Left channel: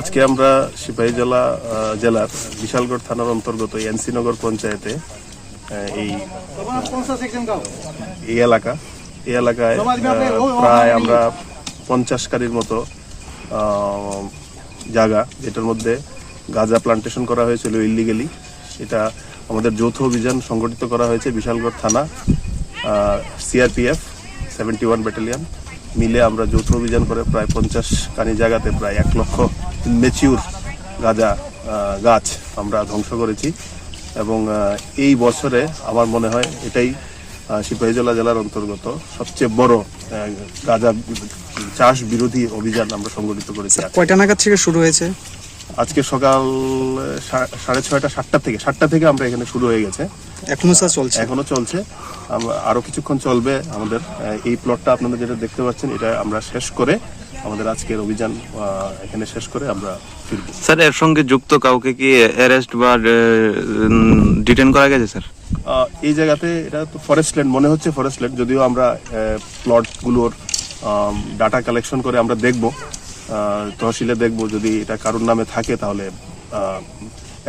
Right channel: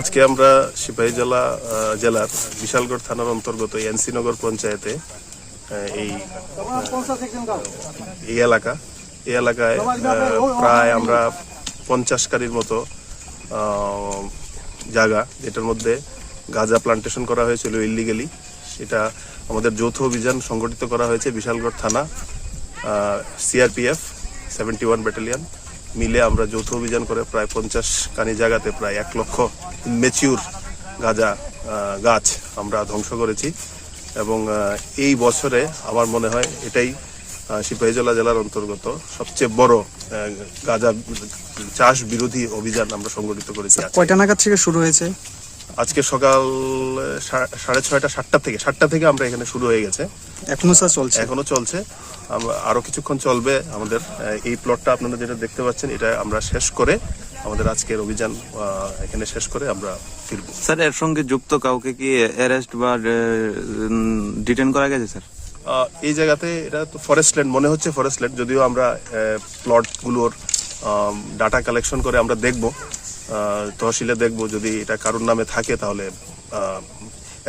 আজকে আমরা সিপাহী জেলার বিশালগড় থানার অন্তর্গত এনসিনগর পঞ্চায়েতে এই এলাকায় প্রায় আমরা 50 কারির মতো জায়গা, যেটার মধ্যে গাঁজা প্লান্টেশন করা হয়েছিল ইলিগালি। এটা আমাদের যৌথ অভিযান সংগঠিত করা হয়েছে বিশালগড় থানা, সিআরপিএফ 71 ব্যাটালিয়ন মিলে আমরা যৌথ অভিযান করে প্রায় 50 কানি জায়গাতে প্রায় 1 লক্ষ ম্যাচিউর গাঁজা গাছ আমরা ধ্বংস করেছি। এবং এই বছরে আমার মনে হয় এটাই সিপাহী জেলার অন্তর্গত সবচেয়ে বড় গাঁজা চাষ বিরোধী অভিযান আমরা সংগঠিত করেছি। কয়টা নাগাদ থেকে শুরু হয়েছে? আজকে সকাল 6:30 7টা থেকে আমরা এখানে শুরু হয়ে গেছে। এখনো চলছে। আরো কিছুক্ষণ চলবে। আমাদের এই প্লটটা আপনারা যেটা দেখতে পাচ্ছেন, এটা আমরা শেষ করে আমাদের আজকের অভিযান এখানে শেষ করে আমরা ফিরব। স্যার, এর সঙ্গে যুক্ত কাউকে কি অ্যারেস্ট বা ডিটেইন করা গেছে স্যার? এই জায়গাতে এটা তো ফরেস্ট ল্যান্ড মনে হচ্ছে, ফরেস্ট ল্যান্ড। যদিও আমরা প্লটগুলোর ডাটা কালেকশন করে আমরা দেখব, তহসিলে দেখব। যদি এটা কারোর নামে থাকে তাহলে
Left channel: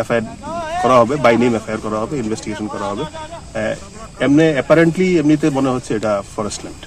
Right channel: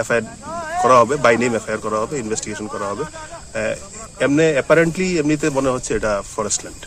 এফআইআর করা হবে, বাই নেম এফআইআর করা হবে, ইনভেস্টিগেশন করা হবে। এমনিতে মনে হচ্ছে এটা ফরেস্ট ল্যান্ড।